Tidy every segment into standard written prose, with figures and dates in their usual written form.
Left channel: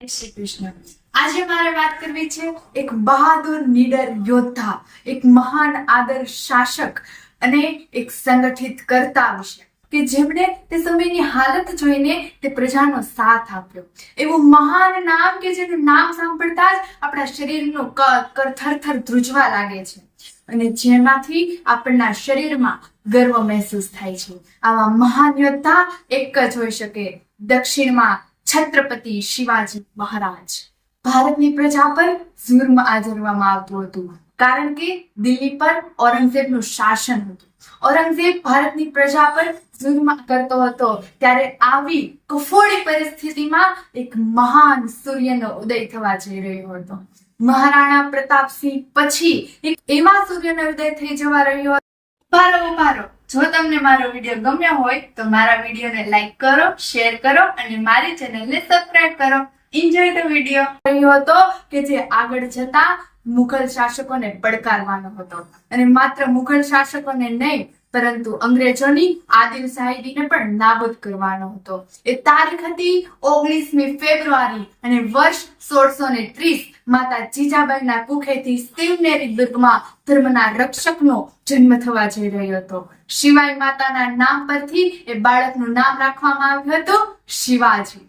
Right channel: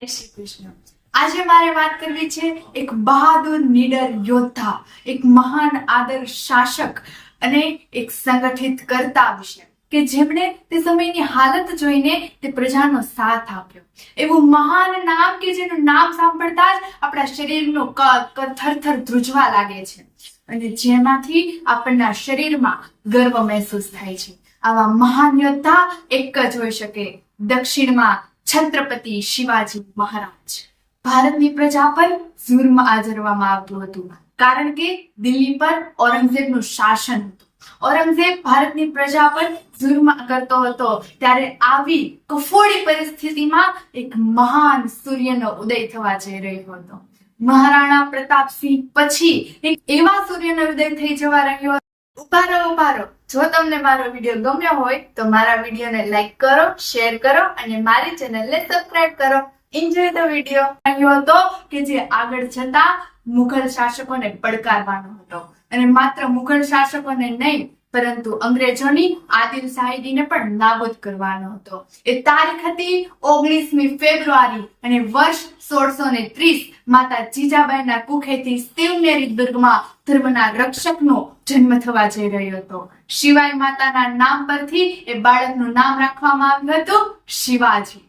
જય શ્રી કૃષ્ણ। આજે મારે વાત કરવી છે એક બહાદુર નીડર યોદ્ધા, એક મહાન આદર્શ શાસક અને એક સંગઠિત કર્તા વિશે કે જેમણે તે સમયની હાલત જોઈને તે પ્રજાનો સાથ આપ્યો। એવું મહાન નામ કે જેનું નામ સાંભળતા જ આપણા શરીરનો થરથર ધ્રુજવા લાગે છે અને જેમાંથી આપણના શરીરમાં ગર્વ મહેસૂસ થાય છે। આવા મહાન યોદ્ધા એક જ હોઈ શકે, દક્ષિણમાં છત્રપતિ શિવાજી મહારાજ। ભારતની પ્રજા પર જુલ્મ આચરવામાં આવતું હતું કારણ કે દિલ્હી પર ઔરંગઝેબનું શાસન હતું। ઔરંગઝેબ ભારતની પ્રજા પર જુલ્મ કરતો હતો ત્યારે આવી કફોડી પરિસ્થિતિમાં એક મહાન સૂર્યનો ઉદય થવા જઈ રહ્યો હતો। મહારાણા પ્રતાપસિંહ પછી એક એવા સૂર્યનો ઉદય થઈ જવા રહ્યો હતો। ઉભા રહો, જો તમને મારો વિડીયો ગમ્યો હોય તો મારા વિડીયોને લાઈક કરો, શેર કરો અને મારી ચેનલને સબસ્ક્રાઇબ કરો। Enjoy the video. રહ્યો હતો કે જે આગળ જતા મુઘલ શાસકોને પડકારવાનો હતો અને માત્ર મુઘલ શાસકોને નહીં પરંતુ અંગ્રેજોની આદિલશાહીને પણ નાબૂદ કરવાનો હતો। એ તારીખ હતી 19મી ફેબ્રુઆરી અને વર્ષ 1630। માતા જીજાબાઈના કુખેથી શિવનેરી દુર્ગમાં ધર્મના રક્ષકનો જન્મ થવા જઈ રહ્યો હતો। શિવાઈ માતાના નામ પરથી એ બાળકનું નામ રાખવામાં આવ્યું હતું શિવાજી,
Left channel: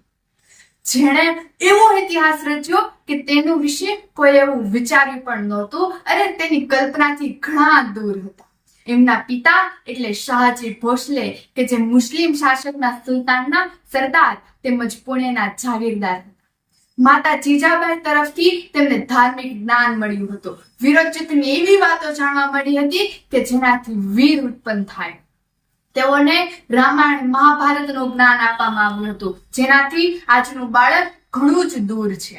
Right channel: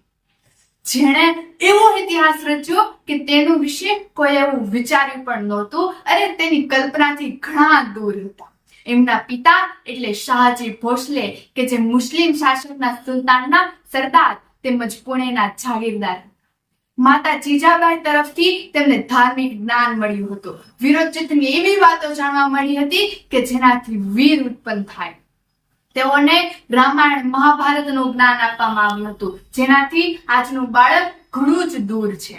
જેણે એવો ઇતિહાસ રચ્યો કે તેનું વિશે કોઈ એવું વિચાર્યું પણ નહોતું અને તેની કલ્પનાથી ઘણા દૂર હતા। એમના પિતા એટલે શાહજી ભોસલે કે જે મુસ્લિમ શાસકના સુલતાનના સરદાર તેમજ પુણેના જાગીરદાર હતા। માતા જીજાબાઈ તરફથી તેમને ધાર્મિક જ્ઞાન મળ્યું હતું। વીરોચિતની એવી વાતો જાણવા મળી હતી કે જેનાથી વીર ઉત્પન્ન થાય। તેઓને રામાયણ મહાભારતનું જ્ઞાન આપવામાં આવ્યું હતું જેનાથી આજનું બાળક ઘણું જ દૂર છે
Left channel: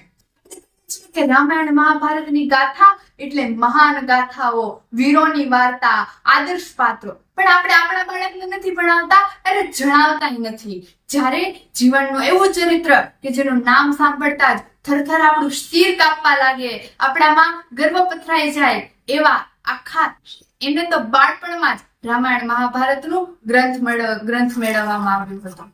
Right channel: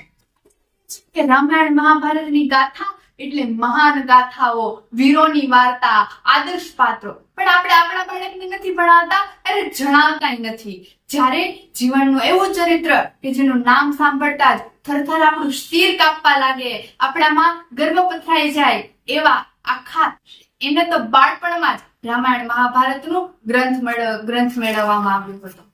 કે રામાયણ મહાભારતની ગાથા એટલે મહાન ગાથાઓ, વીરોની વાર્તા, આદર્શ પાત્રો, પણ આપણે આપણા બાળકને નથી ભણાવતા અને જણાવતા નથી। જ્યારે જીવનનું એવું ચરિત્ર કે જેનું નામ સાંભળતા જ થરથર આપણું શિર કાપવા લાગે, આપણામાં ગર્વ પથરાઈ જાય એવા આખા એને તો બાળપણમાં જ રામાયણ મહાભારતનું ગ્રંથ મેળવવામાં આવ્યો હતો।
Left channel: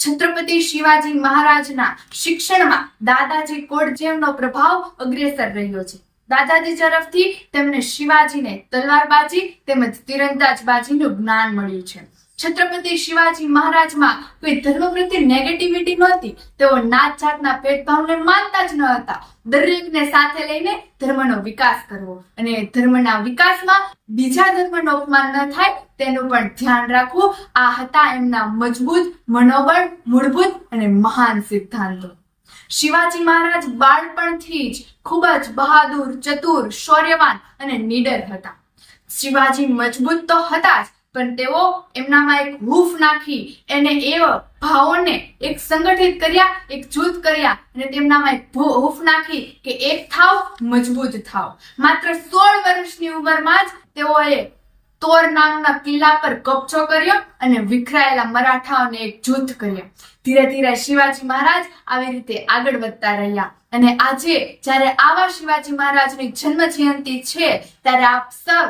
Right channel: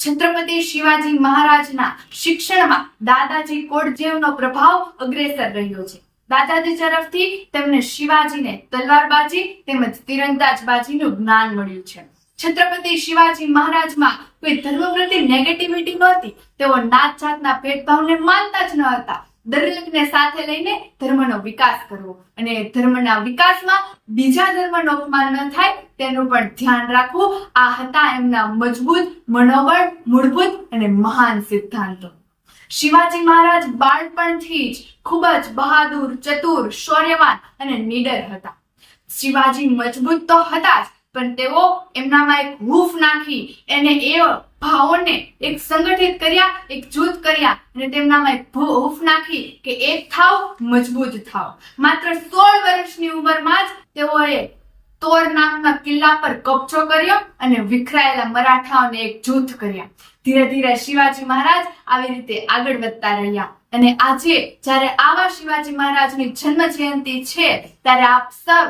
છત્રપતિ શિવાજી મહારાજના શિક્ષણમાં દાદાજી કોડજેવનો પ્રભાવ અગ્રેસર રહ્યો છે। દાદાજી તરફથી તેમને શિવાજીને તલવારબાજી તેમજ તીરંદાજબાજીનું જ્ઞાન મળ્યું છે। છત્રપતિ શિવાજી મહારાજમાં કોઈ ધર્મ પ્રત્યે નેગેટિવિટી નહોતી। તેઓ નાત જાતના ભેદભાવને માનતા જ ન હતા। દરેકને સાથે લઈને ધર્મનો વિકાસ કરવો અને ધર્મના વિકાસમાં બીજા ધર્મનો અપમાન ન થાય તેનું પણ ધ્યાન રાખવું, આ હતા એમના મજબૂત મનોબળ, મૂળભૂત અને મહાન સિદ્ધાંતો। શિવાજી મહારાજ બાળપણથી જ ખૂબ જ બહાદુર, ચતુર, શૌર્યવાન અને નીડર હતા। શિવાજી મજબૂત તો હતા જ પણ તેઓ એમનામાં એક હૂફ નાખી એને એ ભાવોને એક સંગઠિત કર્યા, એક જૂથ કર્યા અને તેમનામાં એક હૂફ નાખી કે એક થાવ, મજબૂત થાવ। માત્ર 16 વર્ષની ઉંમરમાં જ તેઓએ તોર નામના કિલ્લા પર કબજો કર્યો અને વિખરાયેલા મરાઠાઓને એક જૂથ કર્યા। ધીરે ધીરે શિવાજી મહારાજ આવી રીતે આગળ વધતા રહ્યા અને આજે જ્યારે આવા શિવાજી મહારાજની જન્મ જયંતિ છે ત્યારે આપ સૌ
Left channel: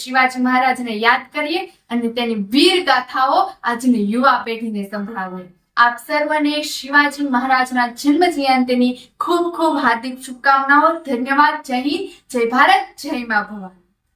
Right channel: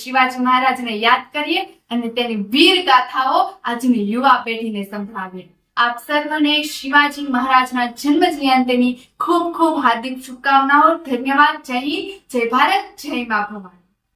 શિવાજી મહારાજને યાદ કરીએ અને તેની વીર ગાથાઓ આજની યુવા પેઢીને સંભળાવીએ। આપ સર્વને શિવાજી મહારાજના જન્મ જયંતિની ખૂબ ખૂબ હાર્દિક શુભકામનાઓ। ધન્યવાદ। જય હિન્દ, જય ભારત, જય મા ભવાની।